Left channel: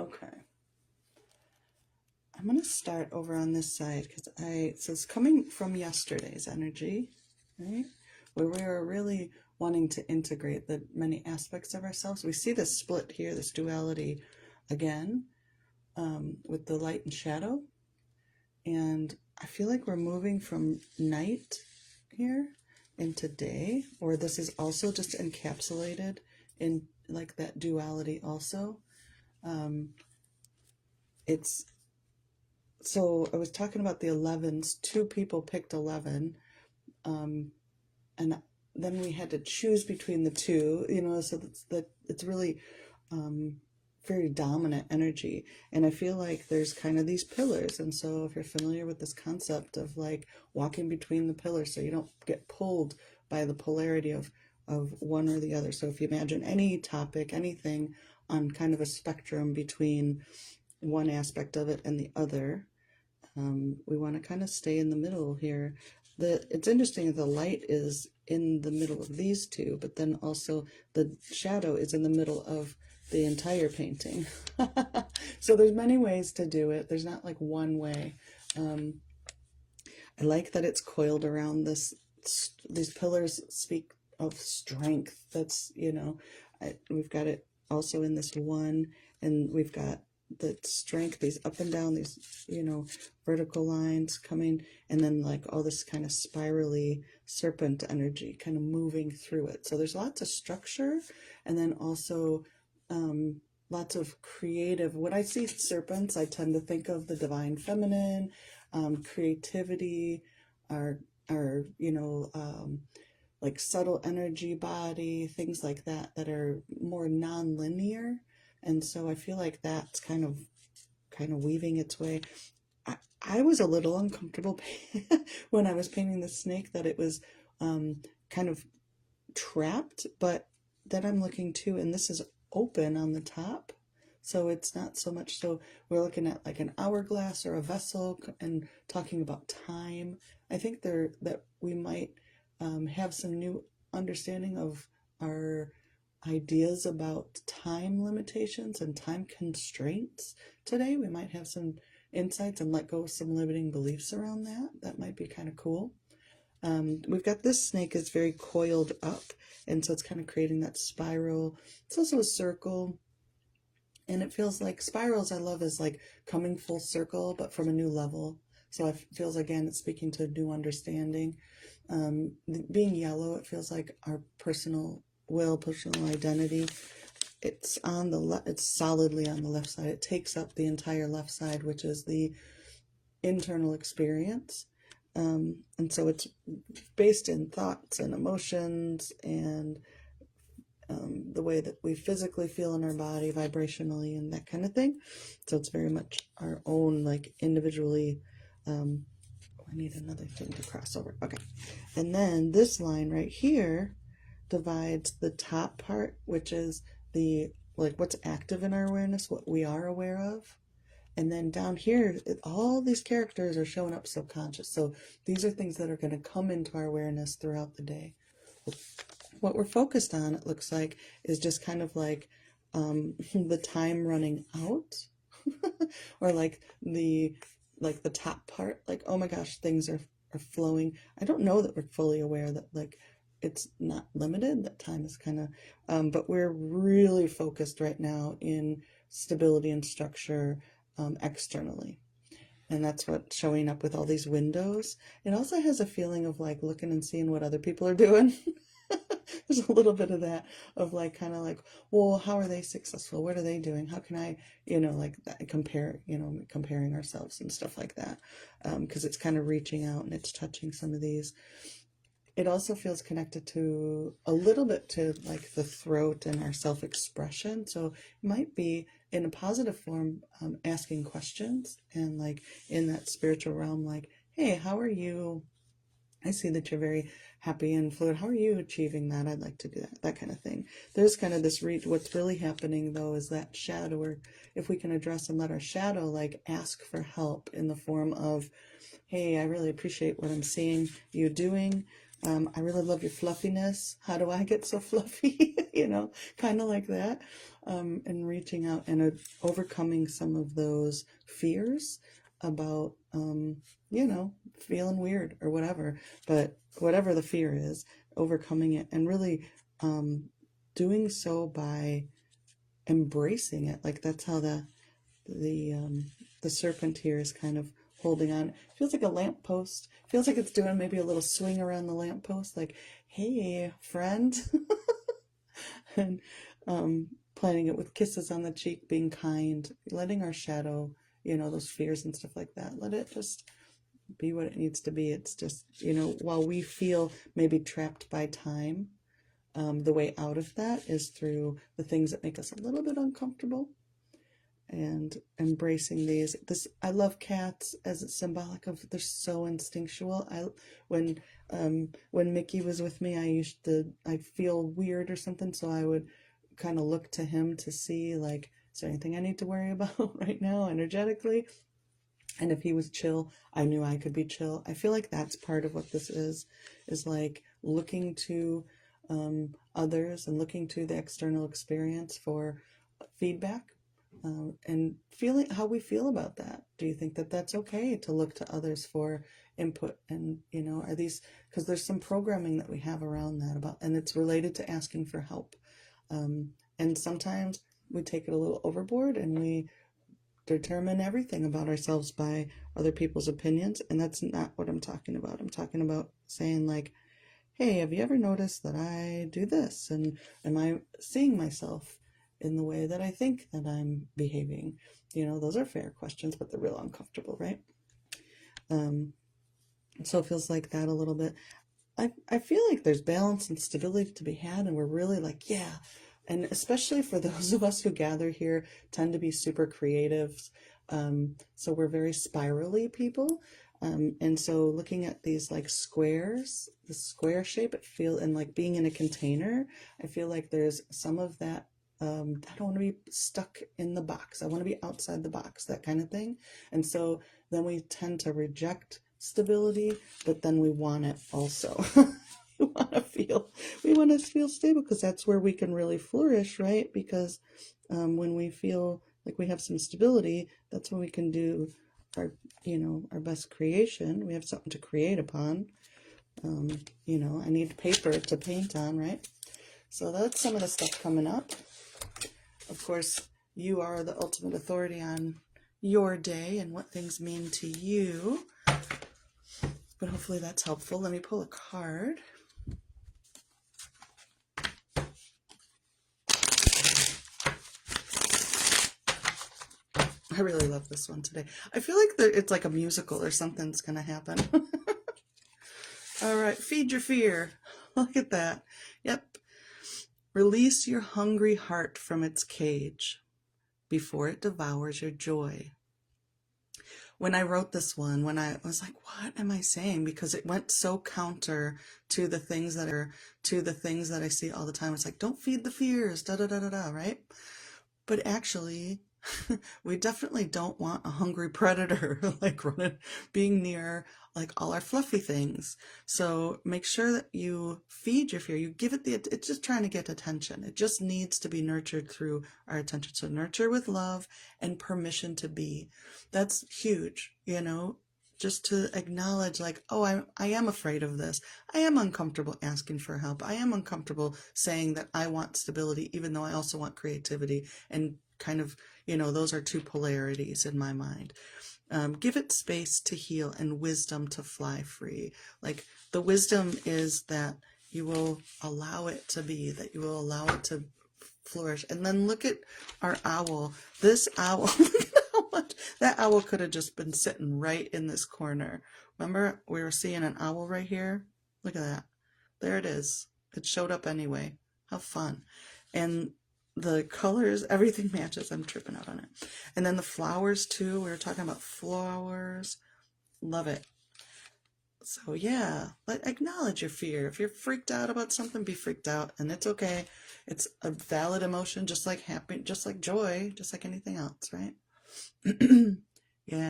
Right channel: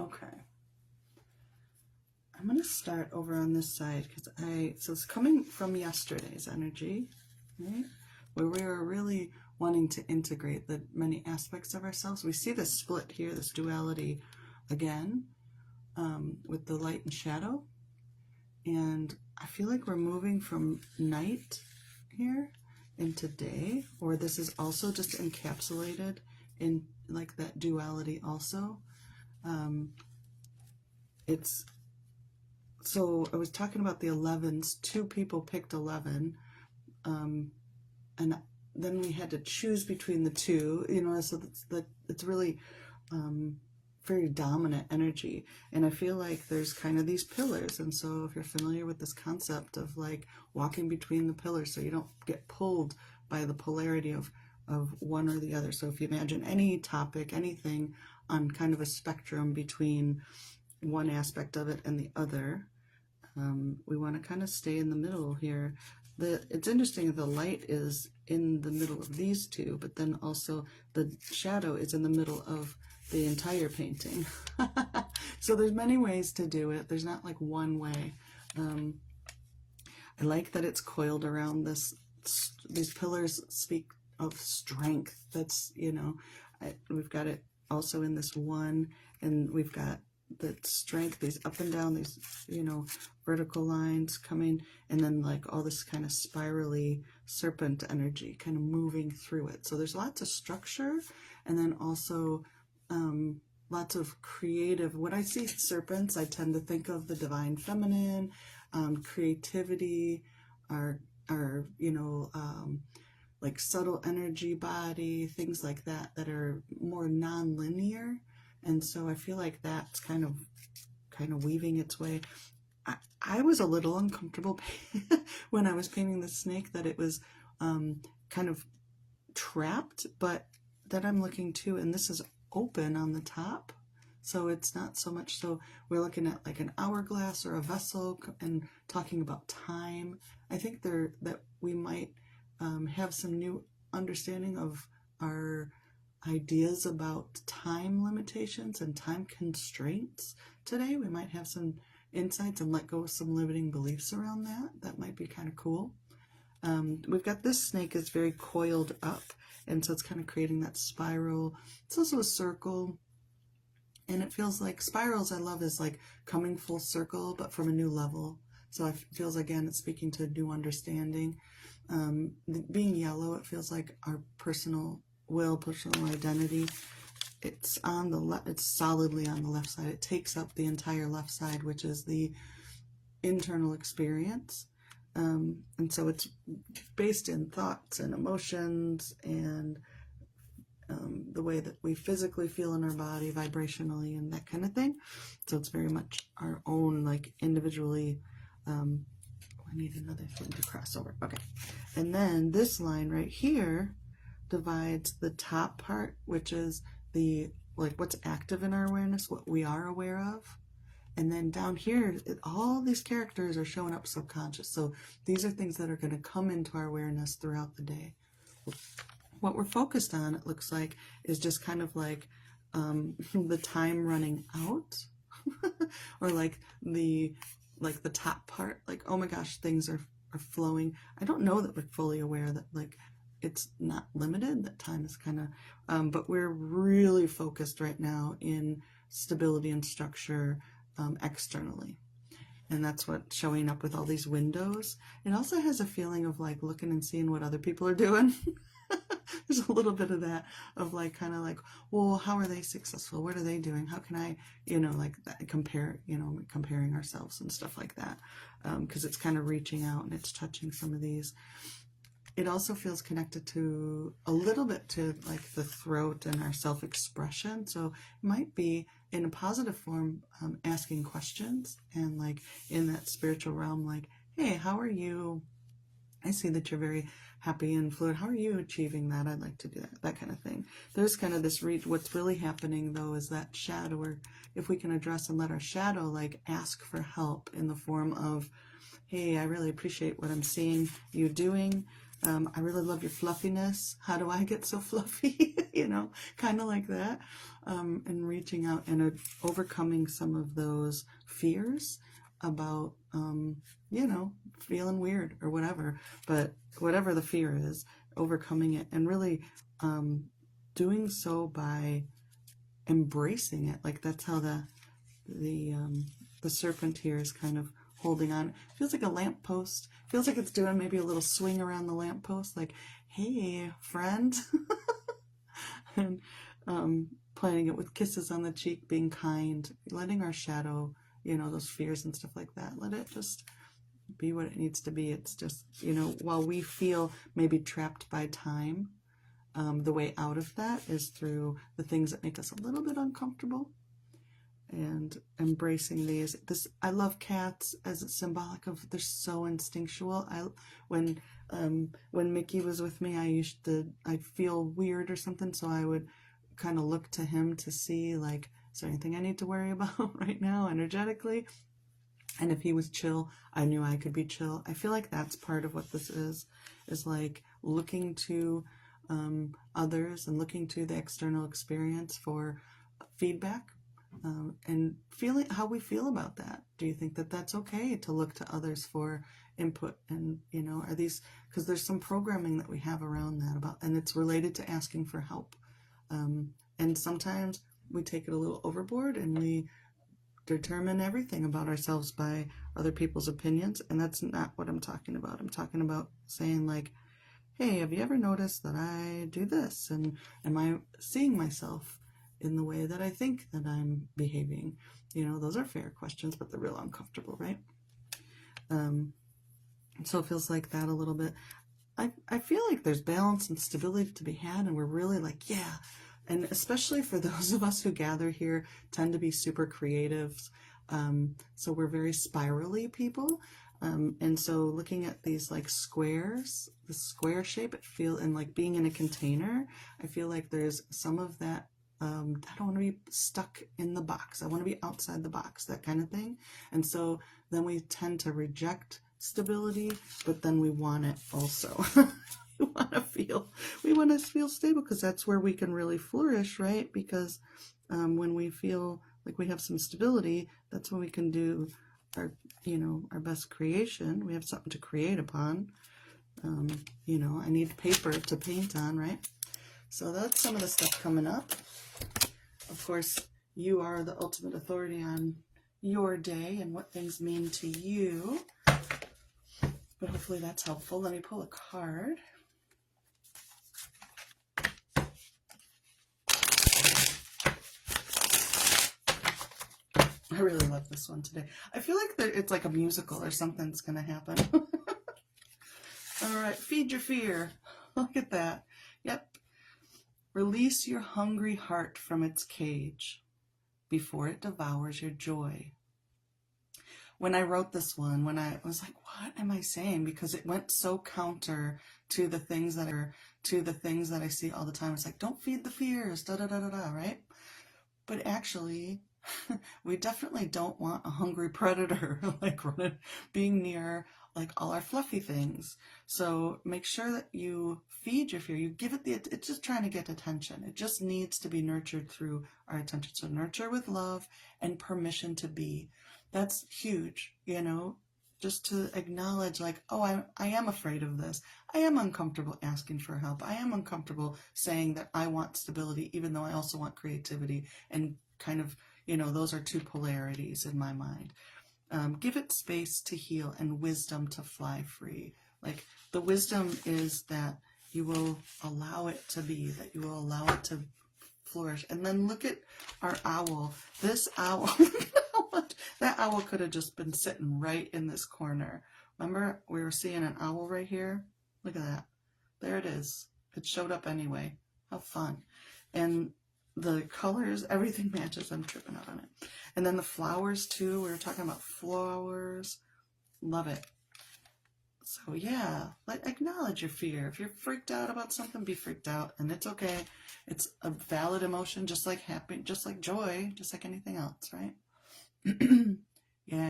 Okay. I'm going to start over on this side because so it's coming from yesterday's energy, right? Where we were really wanting to integrate the many aspects of ourselves. We see this split here, this duality again, with the light and shadow. And I feel like we're moving from night here into day, or this is also just encapsulated in like that duality also. So I was talking about the 11s. Two people picked 11, and then we had to choose between the two. So it's really very dominant energy, and I feel like there's kind of these pillars. And so if you're familiar with this concept of like walking between the pillars, so you don't get pulled by the polarity of one or the other. So if you imagine any topic, anything on kind of a spectrum between one aspect of it and the other, we want to kind of stay in the middle here. It's interesting that the light is in the middle of these two, but then also the shadow is in the middle of the entire painting. So there's many ways to do it. There's not like one way. I like that it's coiled around this. These pillars speak of strength. That's, we've got it also in this one, and we've got the strength, these up and down, these, vertical lines coming, and then like all this kind of spirally serpent energy kind of moving through it. So there's lots of structure, and then also lots of creative. When I see serpents, I tend to think of the divine feminine, creativity, our like subtle energy body, things like that are more non-linear. And so I feel like that's kind of weaving its way. I was a little uncomfortable when I was painting the snake, that it was kind of trapped, but then I'm looking too, and this is open on the top. So it's not so much, so we're looking at like an hourglass or a vessel and talking about time. I think that we might have some new understanding of our ideas about time limitations and time constraints today. We might have some insights and let go of some limiting beliefs around that. That might be kind of cool. We've got this snake is very coiled up, and so it's kind of creating that spiral. It's also a circle, and it feels like spirals I love is like coming full circle, but from a new level. So it feels, again, it's speaking to new understanding. Being yellow, it feels like our personal will, personal identity. It's on the left. It's solidly on the left side. It takes up the entire left side, which is the internal experience. And so it's based in thoughts and emotions and the way that we physically feel in our body, vibrationally, and that kind of thing. So it's very much our own, like, individually. I need another thing to cross over. Okay. And then this line right here divides the top part, which is the, like, what's active in our awareness, what we are aware of. And then down here, all these characters are showing up subconscious. So these are things that are going to come into our awareness throughout the day. What we're focused on, it looks like, is just kind of like the time running out, or like the top part, like, oh my gosh, things are flowing. I don't know that we're fully aware that, like, it's not limited, that time is kind of, but we're really focused right now in stability and structure externally. And that's what's showing up with all these windows. It also has a feeling of like looking and seeing what other people are doing. There's a little bit of that, of like, kind of like, well, how are they successful? What are they doing? How can I, like that, comparing ourselves and stuff like that. Because it's kind of reaching out and it's touching some of these. It also feels connected to a little bit to like the throat and our self-expression. So it might be in a positive form, asking questions, and like in that spiritual realm, like, hey, how are you? I see that you're very happy and fluid. How are you achieving that? I'd like to do that kind of thing. There's kind of this reach. What's really happening though is that shadow, or if we can address and let our shadow like ask for help in the form of, hey, I really appreciate what I'm seeing you doing. I really love your fluffiness. How do I get so fluffy? Kind of like that. And reaching out and overcoming some of those fears about, feeling weird or whatever. But whatever the fear is, overcoming it and really doing so by embracing it. Like that's how the serpent here is kind of holding on. It feels like a lamppost. Feels like it's doing maybe a little swing around the lamppost, like, hey, friend. And planning it with kisses on the cheek, being kind, letting our shadow, those fears and stuff like that, let it just be what it needs to be. It's just, while we feel maybe trapped by time, the way out of that is through the things that make us a little bit uncomfortable and embracing these. I love cats as it's symbolic of, they're so instinctual. When Mickey was with me, I'd feel weird or something, so I would kind of look to him to see, like, is there anything I need to worry about right now energetically? And if he was chill, I knew I could be chill. I feel like that's part of what this is like looking to others and looking to the external experience for feedback, and feeling how we feel about that. Do you think that that's okay to look to others for input? And, are these, because there's some programming that we have around that and it's related to asking for help. And sometimes we take it a little overboard and we determine everything about ourselves by other people's opinions. And that's not what I'm talking about. I'm talking about saying, like, hey, have you ever noticed that I do this? And am I seeing myself in the way that I think that I'm behaving? Those are fair questions, but they're real uncomfortable, right? So it feels like that a little bit. I feel like there's balance and stability to be had, and we're really like, yeah. And especially for those of us who gather here, tend to be super creatives. So we're very spirally people. And so looking at these like squares, the square shape, and like being in a container, I feel like there's some of that. I don't want to be stuck in the box. I want to be outside the box, that kind of thing. And so then we tend to reject stability, but then we want it also. we want to feel stable, because that's where we can really flourish, right? Because when we feel like we have some stability, that's when we can do our best creation. We have something to create upon. I need paper to paint on, right? So that's some of the stuff coming up. Of course, you are the ultimate authority on your day and what things mean to you. But hopefully that's helpful. Let me pull a card. I really love this one today. I feel like it's like a musical or something's going to happen. All right, feed your fear. Look at that. Yep. Release your hungry heart from its cage before it devours your joy. When I wrote this one, when I was like, what am I saying? Because it went so counter to the things that I see all the time. It's like, don't feed the fears, da da da da da, right? But actually, we definitely don't want a hungry predator like being near like all our fluffy things. So make sure that you feed your fear. You give it it's just trying to get attention. It just needs to be nurtured through our attention. So nurture with love and permission to be. That's huge, just to acknowledge, like, oh, I am afraid of this. I am uncomfortable asking for help. I am uncomfortable saying that I want stability, even though I also want creativity. And kind of, those are two polarities in my mind. Give it space to heal and wisdom to fly free. Like, the wisdom is that you will allow it to be, that you will allow it to flourish. And then look at our owl. This owl, that owl could have just been sitting right in this corner. Remember, we were seeing an owl right here? Look at that. There it is. It showed up anyway. How fun. And the colors, everything matches. I'm tripping out on it. And then the flowers too. We were talking about flowers. Love it. So yeah, acknowledge your fear. If you're freaked out about something, be freaked out, and it's okay. It's a valid emotion, just like happy, just like joy, just like anything else, right? Yeah.